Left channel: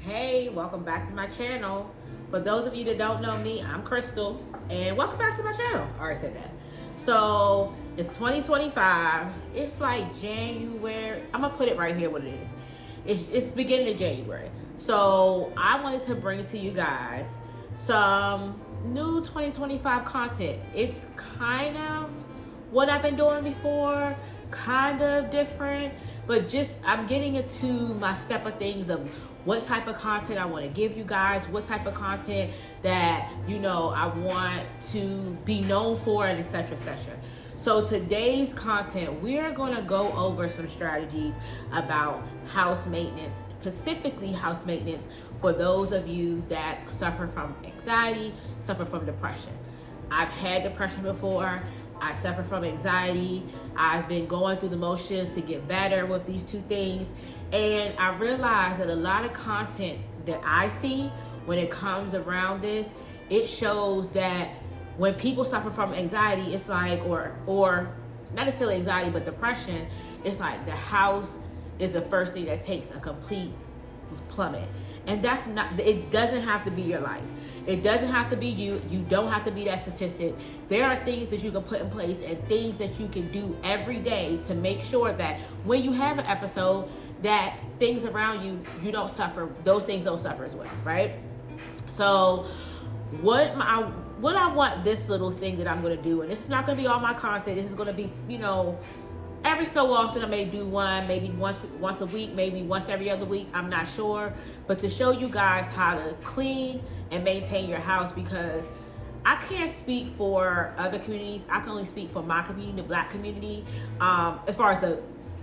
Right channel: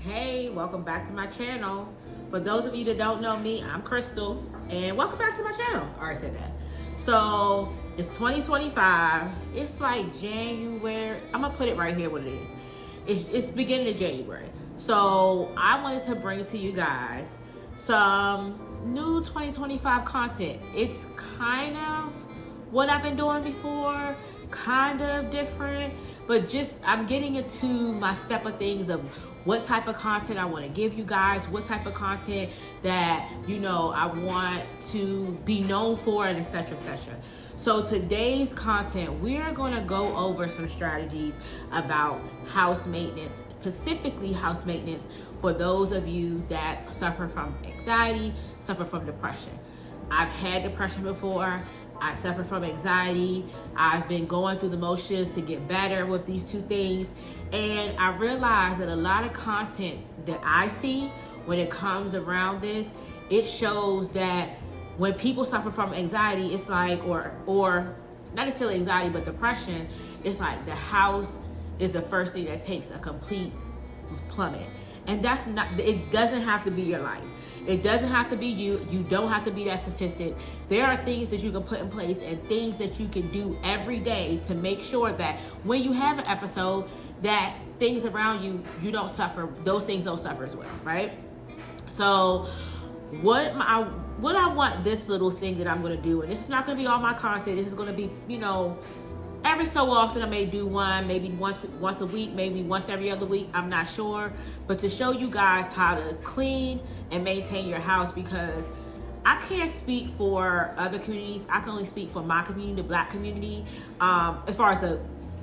Hey, welcome back to my channel. For those of you that don't know me, I'm Crystal, and welcome back to my channel. I already said that. So it's 2025. It's like January. I'm gonna put it right here what it is. It's beginning of January. So I wanted to bring to you guys some new 2025 content. It's kind of what I've been doing before, kind of different, but just I'm getting into my step of things of what type of content I want to give you guys, what type of content that, you know, I want to be known for, and etc, etc. So today's content, we're going to go over some strategies about house maintenance, specifically house maintenance for those of you that suffer from anxiety, suffer from depression. I've had depression before. I suffer from anxiety. I've been going through the motions to get better with these two things. And I realized that a lot of content that I see when it comes around this, it shows that when people suffer from anxiety, it's like, or not necessarily anxiety, but depression, it's like the house is the first thing that takes a complete plummet. And that's not, it doesn't have to be your life. It doesn't have to be you. You don't have to be that statistic. There are things that you can put in place and things that you can do every day to make sure that when you have an episode, that things around you, you don't suffer, those things don't suffer as well, right? So what I want this little thing that I'm going to do, and it's not going to be all my content, this is going to be, you know, every so often I may do one, maybe once a week, maybe once every other week, I'm not sure. But to show you guys how to clean and maintain your house, because I can't speak for other communities. I can only speak for my community, the Black community. As far as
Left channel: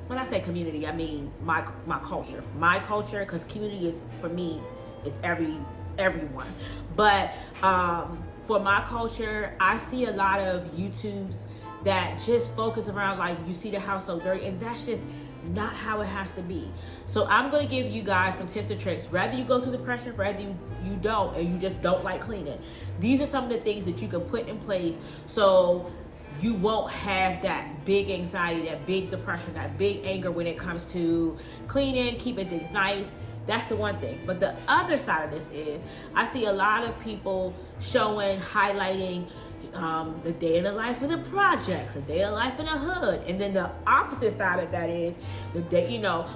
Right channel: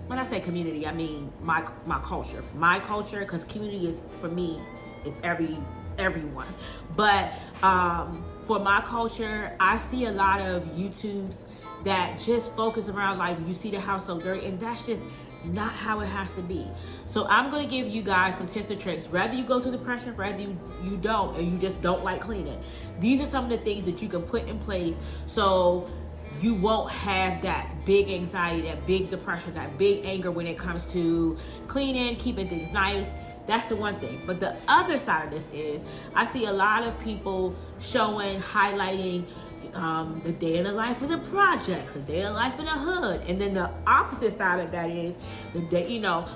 when I say community, I mean my culture. My culture, because community is, for me, it's everyone. But for my culture, I see a lot of YouTubes that just focus around like, you see the house so dirty, and that's just not how it has to be. So I'm going to give you guys some tips and tricks, whether you go through depression, whether you don't, and you just don't like cleaning. These are some of the things that you can put in place so you won't have that big anxiety, that big depression, that big anger when it comes to cleaning, keeping things nice. That's the one thing. But the other side of this is, I see a lot of people highlighting the day in the life of the projects, the day in the life in the hood. And then the opposite side of that is the day,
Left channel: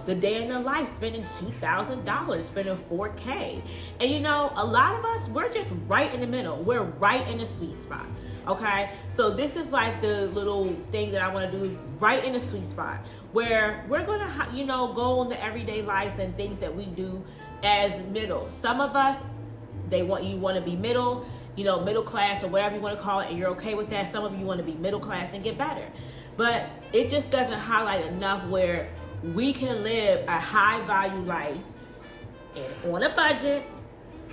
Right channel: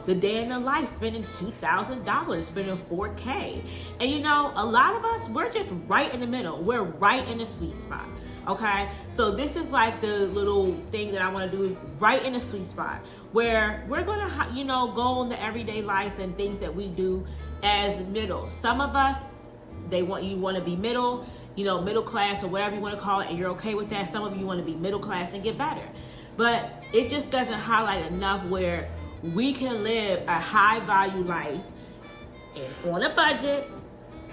the day in the life spending $2,000, spending $4K. And a lot of us, we're just right in the middle. We're right in the sweet spot. Okay. So this is like the little thing that I want to do, right in the sweet spot, where we're going to, go on the everyday life and things that we do as middle. Some of us, you want to be middle class or whatever you want to call it, and you're okay with that. Some of you want to be middle class and get better. But it just doesn't highlight enough where we can live a high value life and on a budget,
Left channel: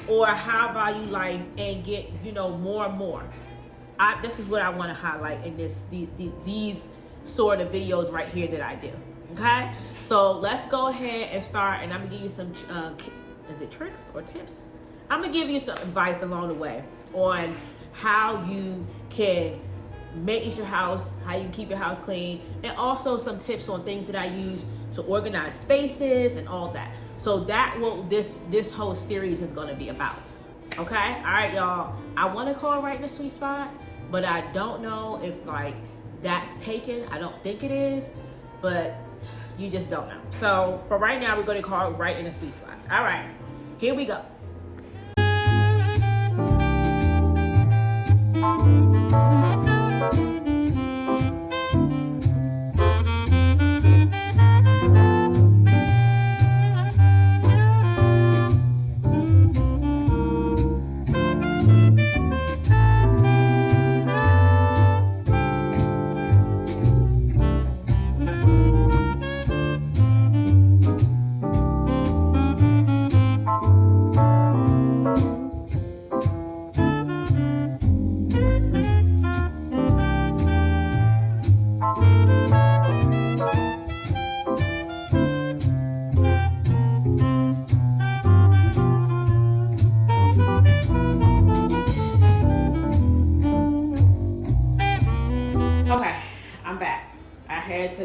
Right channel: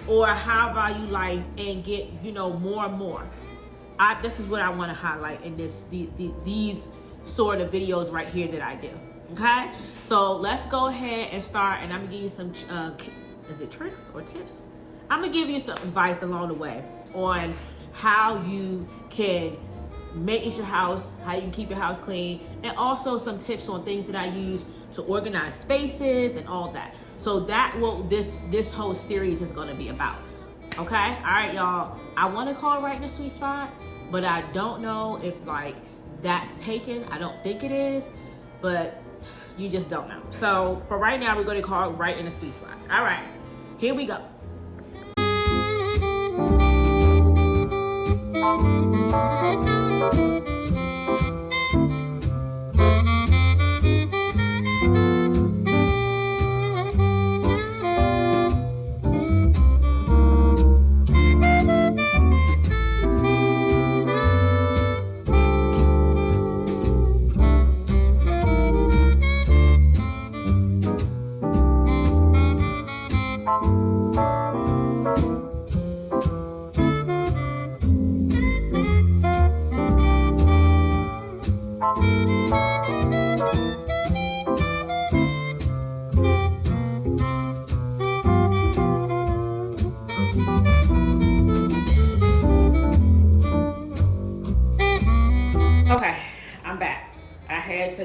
or a high value life and get, more and more. This is what I want to highlight in these sort of videos right here that I do. Okay? So let's go ahead and start, and I'm going to give you some, is it tricks or tips? I'm going to give you some advice along the way on how you can maintenance your house, how you can keep your house clean, and also some tips on things that I use to organize spaces and all that. So that this whole series is going to be about. Okay? All right, y'all. I want to call it right in the sweet spot, but I don't know if that's taken. I don't think it is, but you just don't know. So for right now, we're going to call it right in the sweet spot. All right, here we go.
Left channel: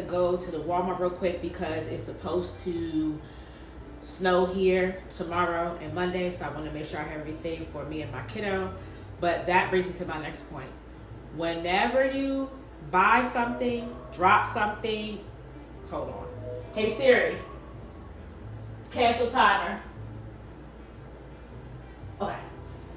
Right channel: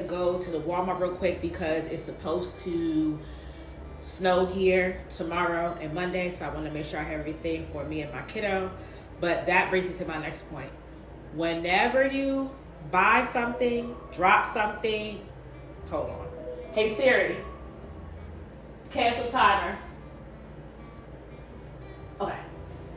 go to the Walmart real quick because it's supposed to snow here tomorrow and Monday, so I want to make sure I have everything for me and my kiddo. But that brings me to my next point. Whenever you buy something, drop something, hold on. Hey Siri, cancel timer. Okay,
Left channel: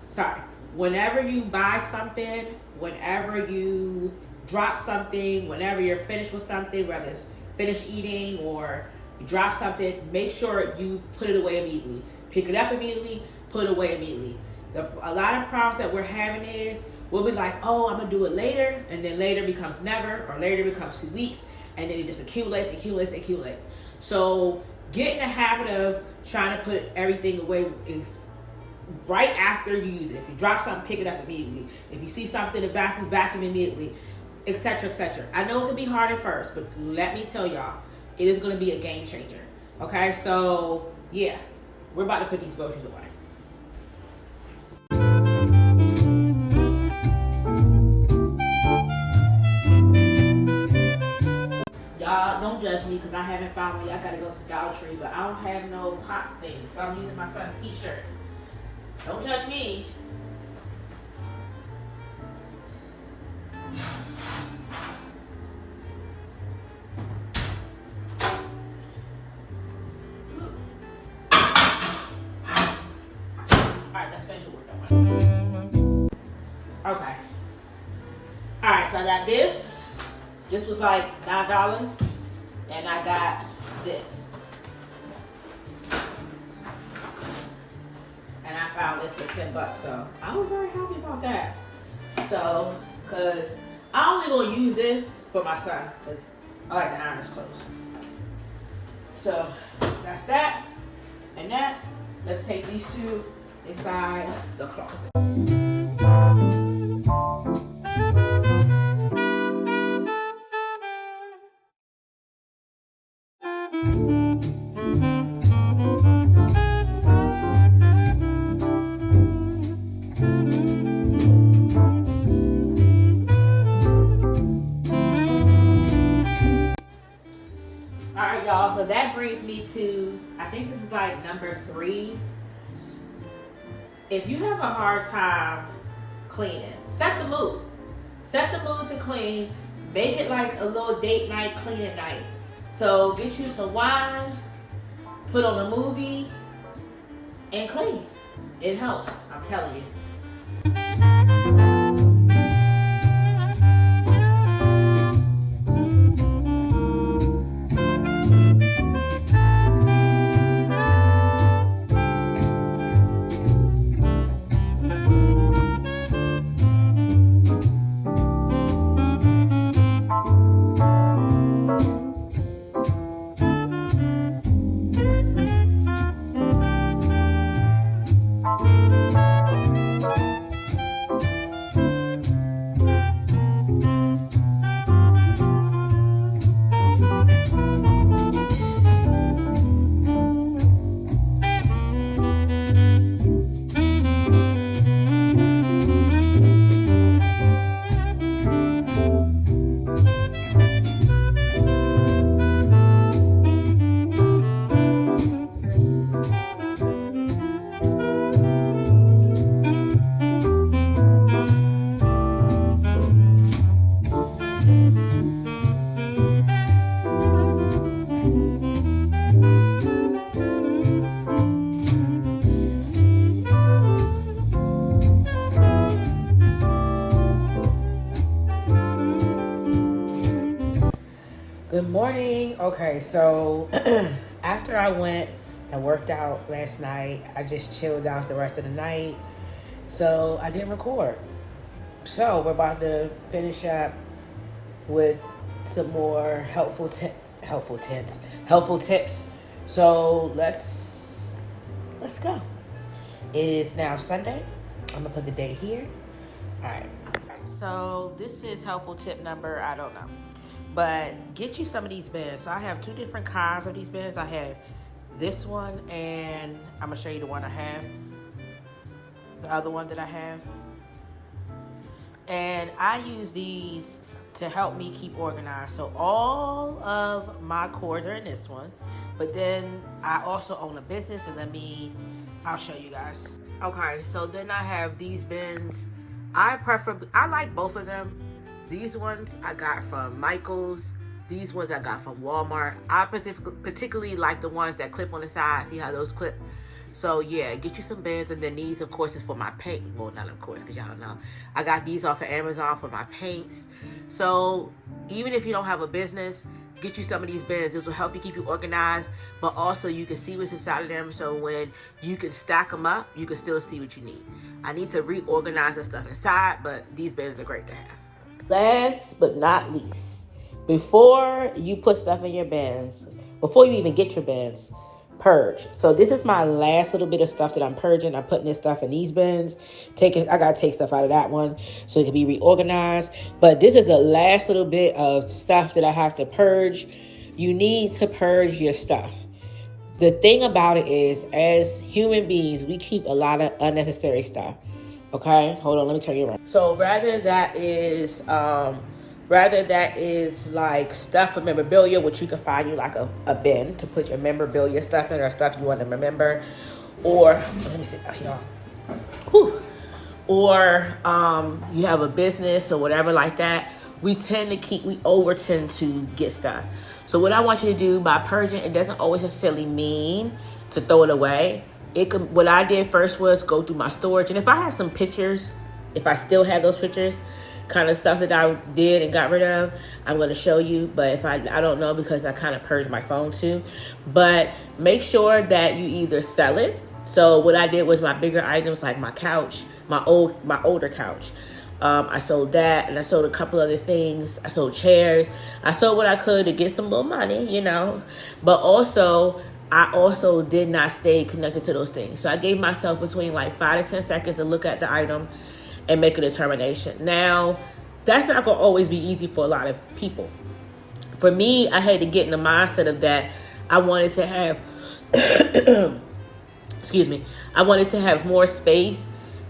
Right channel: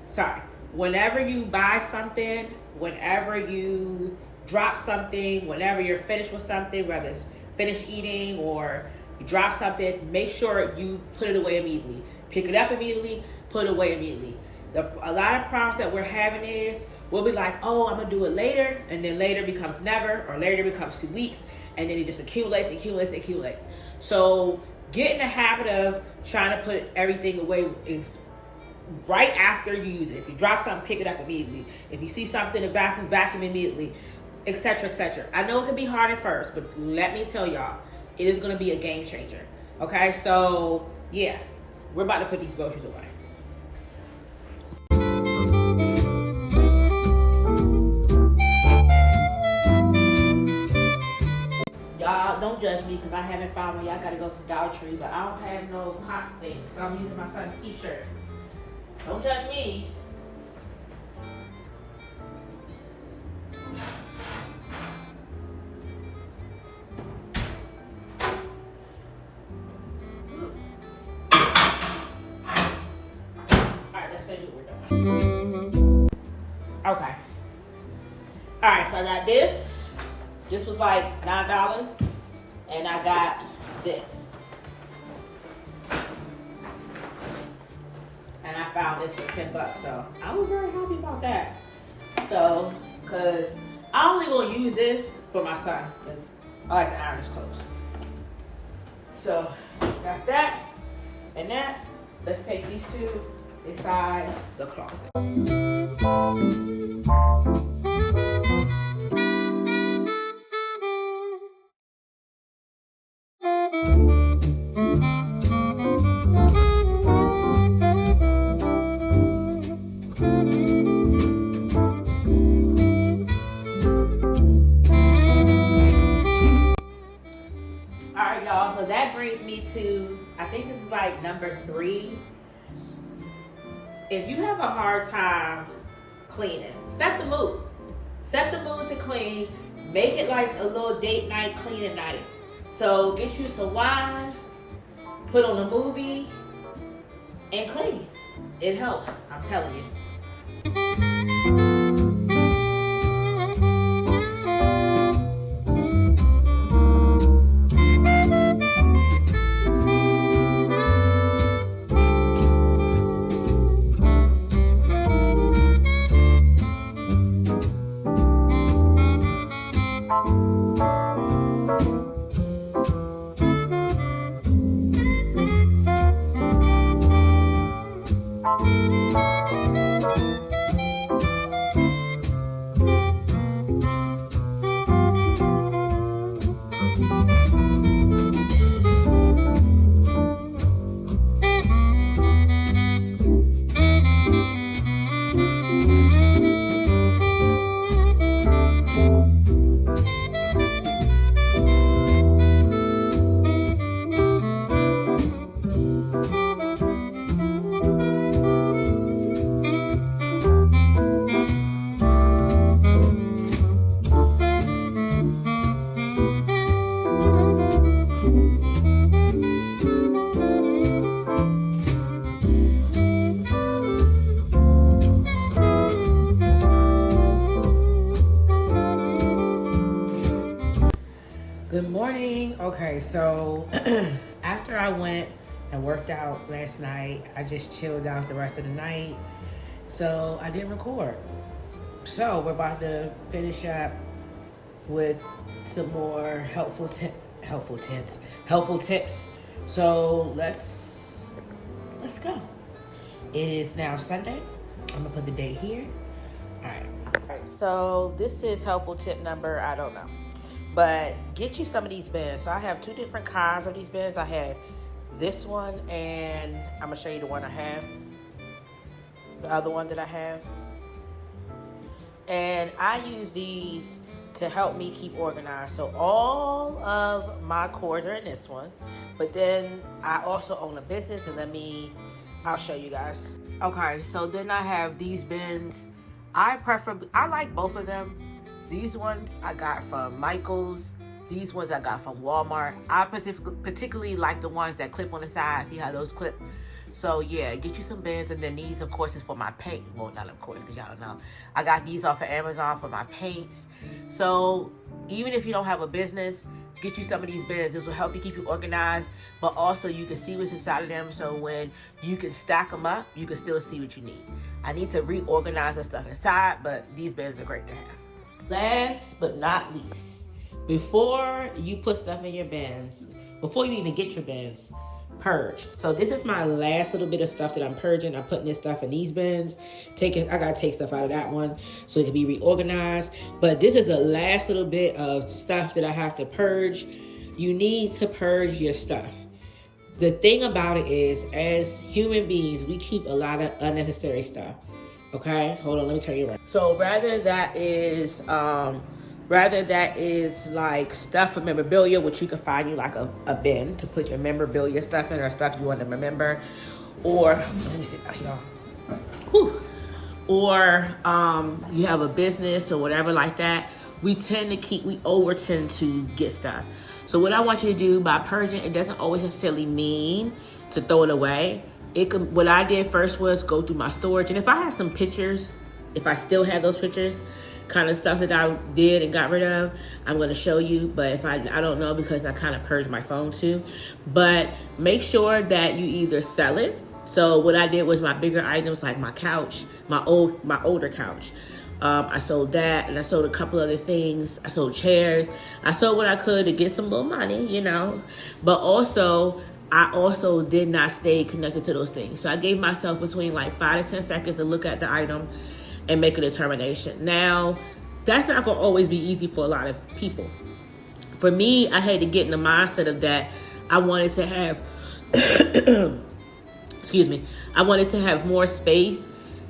sorry. Whenever you buy something, whenever you drop something, whenever you're finished with something, whether it's finished eating or you drop something, make sure you put it away immediately. Pick it up immediately, put it away immediately. A lot of problems that we're having is we'll be like, oh, I'm gonna do it later, and then later becomes never, or later becomes 2 weeks, and then it just accumulates. So get in the habit of trying to put everything away is right after you use it. If you drop something, pick it up immediately. If you see something to vacuum immediately, etc., etc. I know it can be hard at first, but let me tell y'all, it is going to be a game changer. Okay, so yeah, we're about to put these groceries away. Y'all don't judge me because I haven't found one. Y'all gotta go to Dollar Tree, but I don't have no pop things, so I'm using my son's t-shirt. Don't judge me. Alright, let's finish what we're doing. Okay. Alright, so I got this. This was like $9. And I got this. And I found this for $10, so I was very happy about that. So, cause I only gonna use this for my son, cause I like to iron his clothes. So that's that and that. Let's take these two inside the closet. Alright y'all, so that brings me to, I think this is like number 3. If you have a hard time cleaning, set the mood. Set the mood to clean. Make it like a little date night, cleaning night. So get you some wine, put on a movie, and clean. It helps, I'm telling you. Good morning. Okay, so after I went and worked out last night, I just chilled out the rest of the night. So I didn't record. So we're about to finish up with some more helpful tips. So let's go. It is now Sunday. I'm gonna put the date here. All right. So this is helpful tip number, I don't know. But get you some of these bins. So I have 2 different kinds of these bins. I have this one, and I'm gonna show you the one I have. The other one that I have. And I use these to help me keep organized. So all of my cords are in this one, but then I also own a business, and I'll show you guys. Okay, so then I have these bins. I like both of them. These ones I got from Michael's. These ones I got from Walmart. I particularly like the ones that clip on the side. See how those clip? So yeah, get you some bins. And then these, of course, is for my paint. Well, not of course, because y'all don't know. I got these off of Amazon for my paints. So even if you don't have a business, get you some of these bins. This will help you keep you organized, but also you can see what's inside of them. So when you can stack them up, you can still see what you need. I need to reorganize the stuff inside, but these bins are great to have. Last but not least, before you put stuff in your bins, before you even get your bins, purge. So this is my last little bit of stuff that I'm purging. I'm putting this stuff in these bins. I gotta take stuff out of that one so it can be reorganized. But this is the last little bit of stuff that I have to purge. You need to purge your stuff. The thing about it is, as human beings, we keep a lot of unnecessary stuff. Okay, hold on, let me turn you around. So rather that is like stuff for memorabilia, which you can find you like a bin to put your memorabilia stuff in, or stuff you want to remember, or let me sit down, y'all. Whew. Or you have a business or whatever like that. We over tend to get stuff. So what I want you to do by purging, it doesn't always necessarily mean to throw it away. What I did first was go through my storage, and if I have some pictures, if I still have those pictures, kind of stuff that I did and got rid of, I'm going to show you. But if I don't know, because I kind of purged my phone too. But make sure that you either sell it. So what I did was my bigger items, like my couch, my older couch. I sold that, and I sold a couple other things. I sold chairs. I sold what I could to get some little money, you know. But I also did not stay connected to those things. So I gave myself between like 5 to 10 seconds to look at the item and make a determination. Now, that's not gonna always be easy for a lot of people. For me, I had to get in the mindset of that. I wanted to have, I wanted to have more space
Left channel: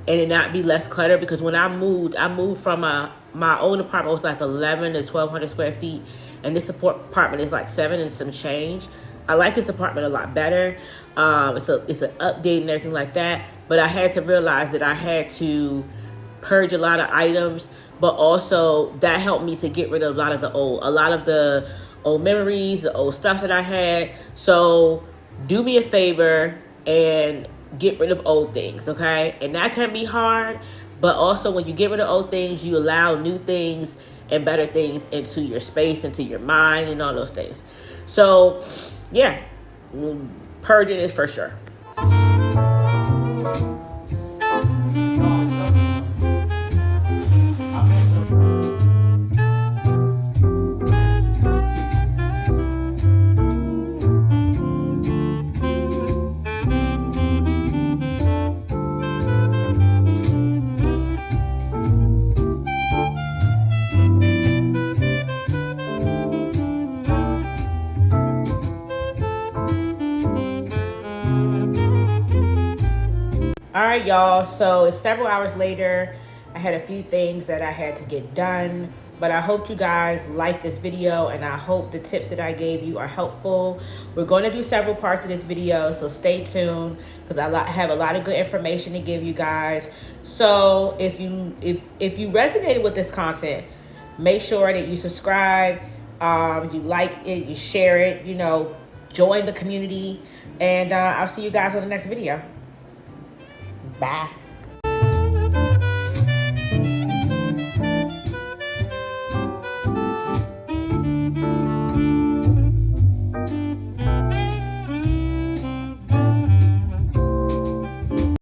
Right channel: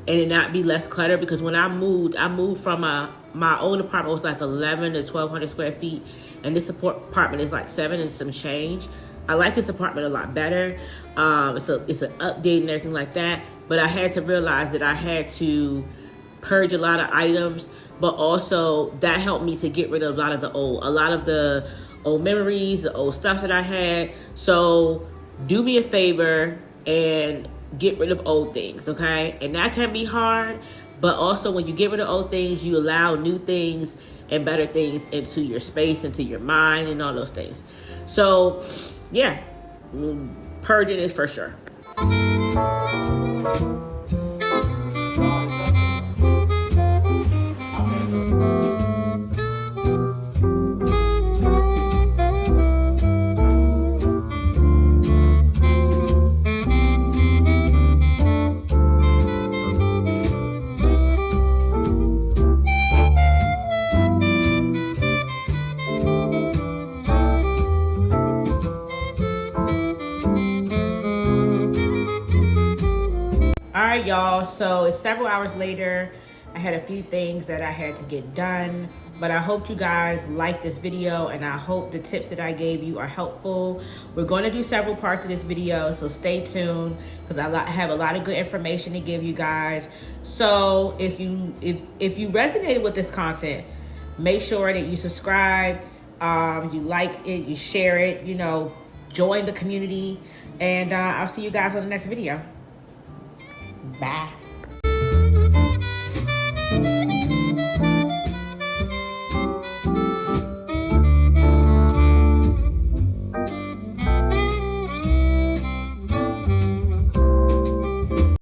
and it not be less clutter, because when I moved from my old apartment was like 11 to 1,200 square feet, and this apartment is like 7 and some change. I like this apartment a lot better. It's an update and everything like that, but I had to realize that I had to purge a lot of items, but also that helped me to get rid of a lot of the old memories, the old stuff that I had. So do me a favor and get rid of old things, okay? And that can be hard, but also when you get rid of old things, you allow new things and better things into your space, into your mind, and all those things. So yeah, purging is for sure. All right, y'all, so it's several hours later. I had a few things that I had to get done, but I hope you guys like this video, and I hope the tips that I gave you are helpful. We're going to do several parts of this video, so stay tuned, because I have a lot of good information to give you guys. So if you resonated with this content, make sure that you subscribe, you like it, you share it, you know, join the community, and I'll see you guys on the next video. Bye.